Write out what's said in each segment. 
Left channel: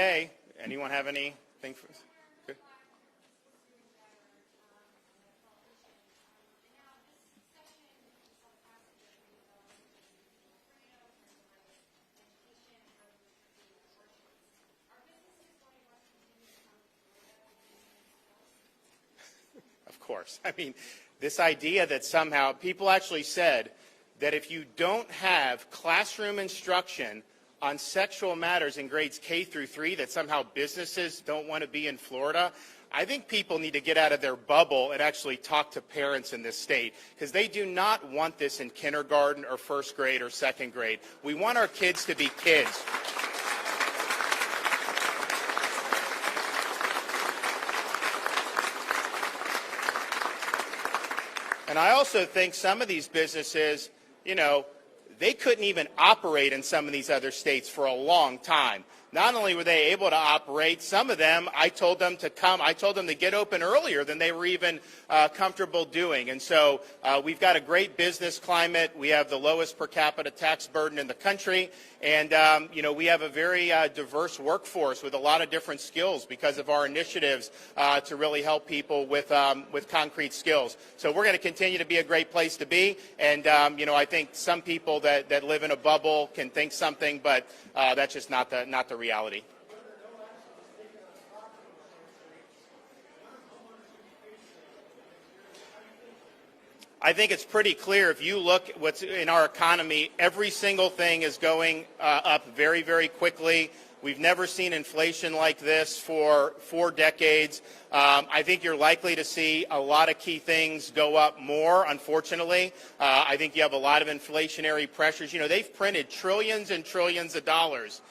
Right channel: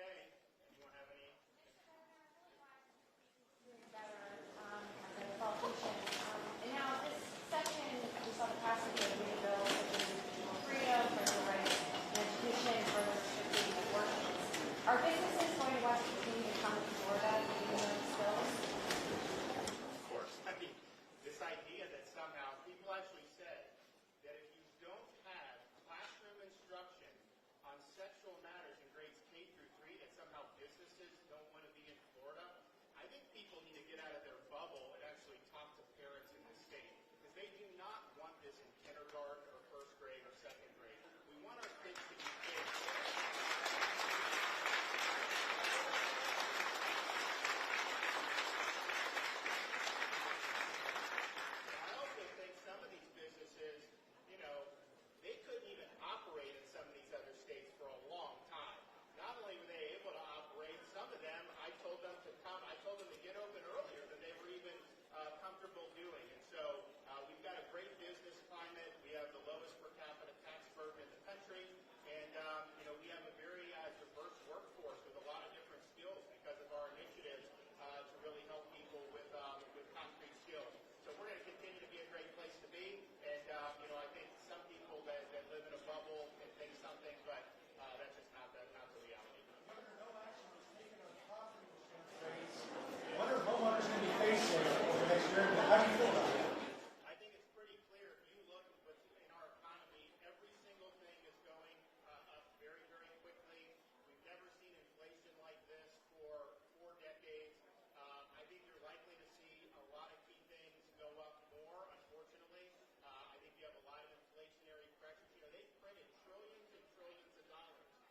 Okay. Anyone have anything for us? Good. And now this section, we saw the passage of new bills such as individual freedom, parental rights, and education, and further restricting of workers. Are businesses going to want to continue to come to Florida given those bills? Of course. I mean, this idea that somehow people actually said that if you don't have classroom instruction on sexual matters in grades K through 3, that somehow businesses don't want to be in Florida. I think people need to get out of their bubble and actually talk to parents in this state, because they do not want this in kindergarten or first grade or second grade. We want our kids to be kids. And I also think some of these businesses, you know, they couldn't even operate in some of these other states for a long time. Not only were they able to operate, some of them, I told them to get open earlier than they were even comfortable doing. And so we've got a great business climate. We have the lowest per capita tax burden in the country. And, you know, we have a very diverse workforce with a lot of different skills because of our initiatives to really help people with concrete skills. So we're going to continue to be a great place to be. And, you know, I think some people that live in a bubble can think something, but that's just not the reality. I think it's pretty clear. If you look what's in our economy, every single thing is going up very, very quickly. We've never seen inflation like this for 4 decades. I think you're likely to see a lot of key things go up more, unfortunately. I think you have a lot of inflationary pressures. You know, they've printed trillions and trillions of dollars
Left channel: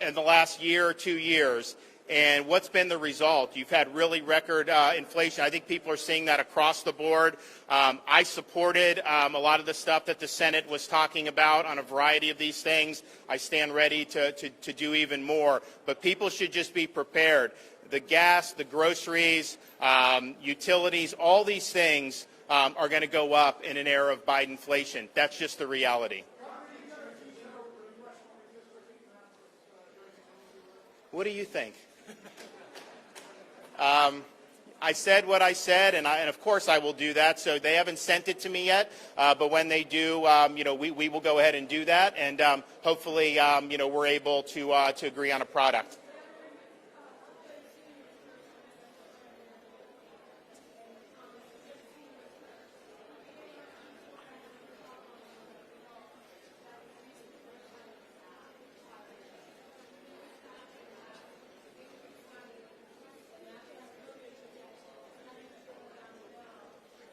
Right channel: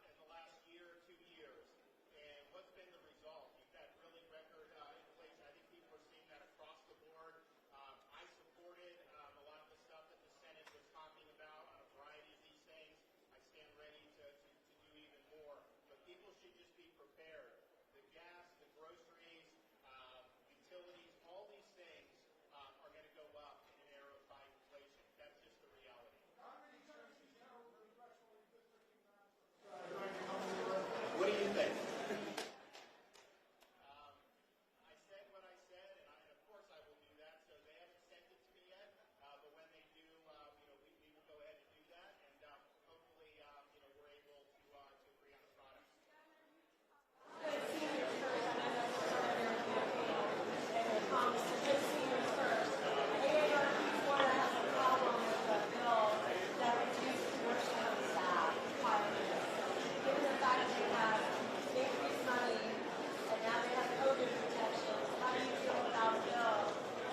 in the last year or 2 years. And what's been the result? You've had really record inflation. I think people are seeing that across the board. I supported a lot of the stuff that the Senate was talking about on a variety of these things. I stand ready to do even more. But people should just be prepared. The gas, the groceries, utilities, all these things are going to go up in an era of Bidenflation. That's just the reality. What do you think? I said what I said, and of course I will do that. So they haven't sent it to me yet, but when they do, you know, we will go ahead and do that, and hopefully, you know, we're able to agree on a product.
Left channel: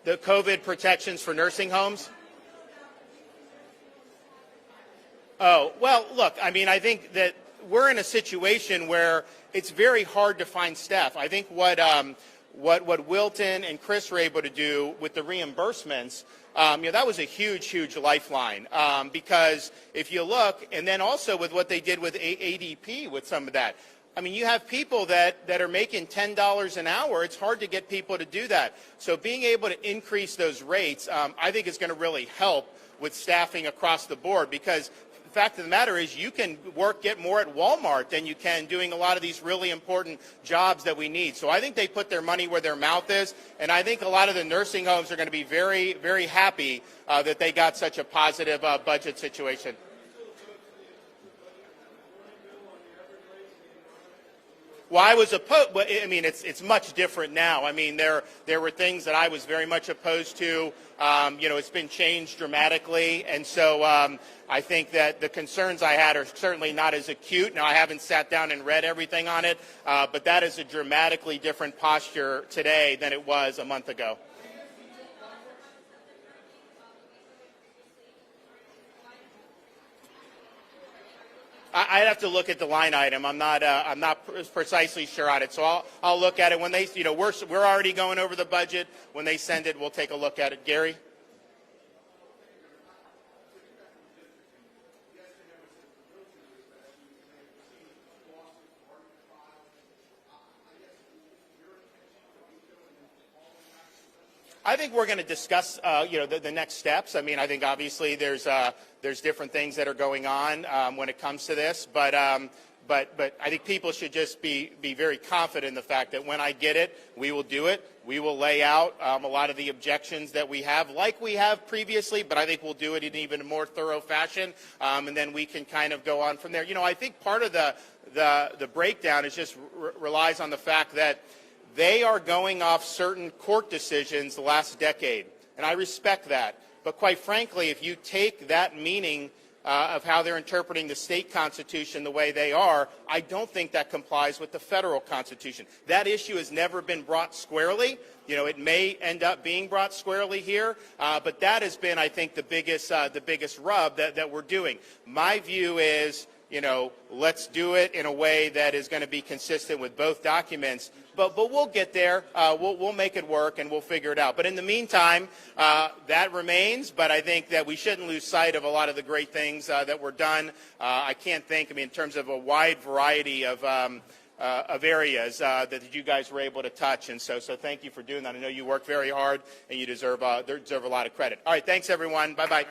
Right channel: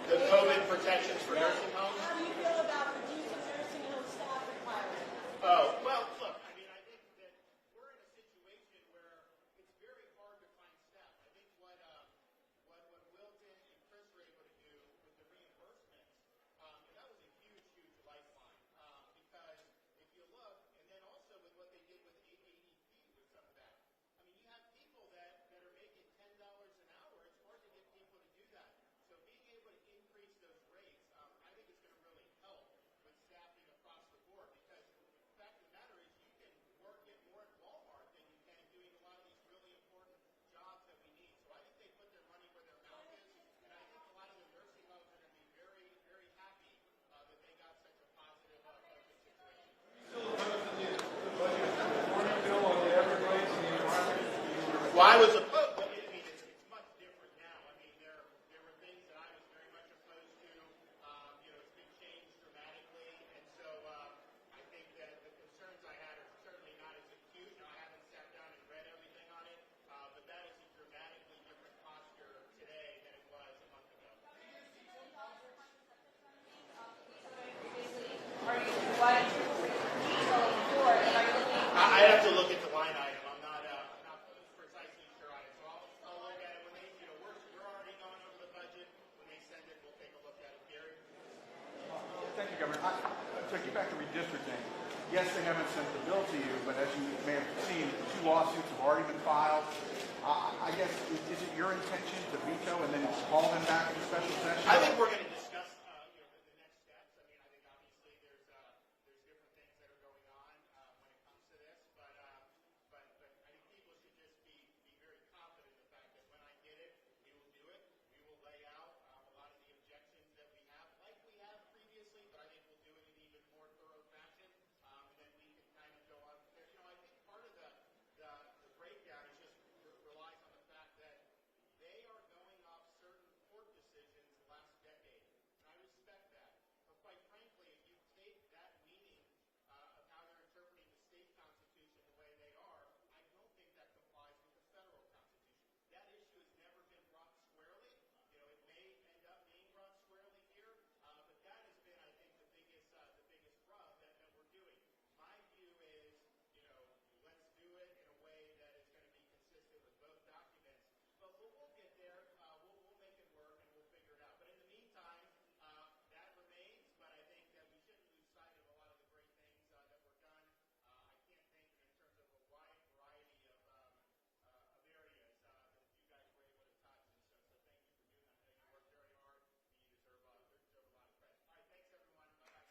The COVID protections for nursing homes? How do you feel about reducing nursing home staff requirements? Oh, well, look, I mean, I think that we're in a situation where it's very hard to find staff. I think what Wilton and Chris were able to do with the reimbursements, you know, that was a huge, huge lifeline. Because if you look, and then also with what they did with ADP with some of that, I mean, you have people that are making $10 an hour. It's hard to get people to do that. So being able to increase those rates, I think is going to really help with staffing across the board, because the fact of the matter is you can get more at Walmart than you can doing a lot of these really important jobs that we need. So I think they put their money where their mouth is, and I think a lot of the nursing homes are going to be very, very happy that they got such a positive budget situation. Well, I was opposed. I mean, it's much different now. I mean, there were things that I was very much opposed to. You know, it's been changed dramatically, and so I think that the concerns I had are certainly not as acute. Now, I haven't sat down and read everything on it, but that is a dramatically different posture today than it was a month ago. I'd have to look at the line item. I'm not precisely sure on it, so I'll look at it when they. You know, we're already going over the budget. When they send it, we'll take a look at it. Gary. Thank you, Governor. To get back to redistricting, yes, they haven't sent the bill to you, but as you may have seen, 2 lawsuits have already been filed. I guess, is it your intention to veto and then call them back in a special session? I think we're going to discuss, you know, the next steps. I mean, I think obviously there's different things that are going on when it comes to this, but But I think people should just be very confident in the fact that when I get it, we will do it. We will lay out a lot of the objections that we have, like we have previously, but I think we'll do it in even a more thorough fashion, and then we can kind of go on from there. You know, I think part of the breakdown is just relies on the fact that they are going off certain court decisions the last decade, and I respect that. But quite frankly, if you take that meaning of how they're interpreting the state constitution the way they are, I don't think that complies with the federal constitution. That issue has never been brought squarely. You know, it may end up being brought squarely here, but that has been, I think, the biggest rub that we're doing. My view is, you know, let's do it in a way that is going to be consistent with both documents. But we'll get there. We'll make it work, and we'll figure it out. But in the meantime, that remains. But I think that we shouldn't lose sight of a lot of the great things that were done. I can't think, I mean, in terms of a wide variety of areas that you guys were able to touch. And so thank you for doing that. I know you worked very hard, and you deserve a lot of credit. All right, thanks, everyone. Bye-bye.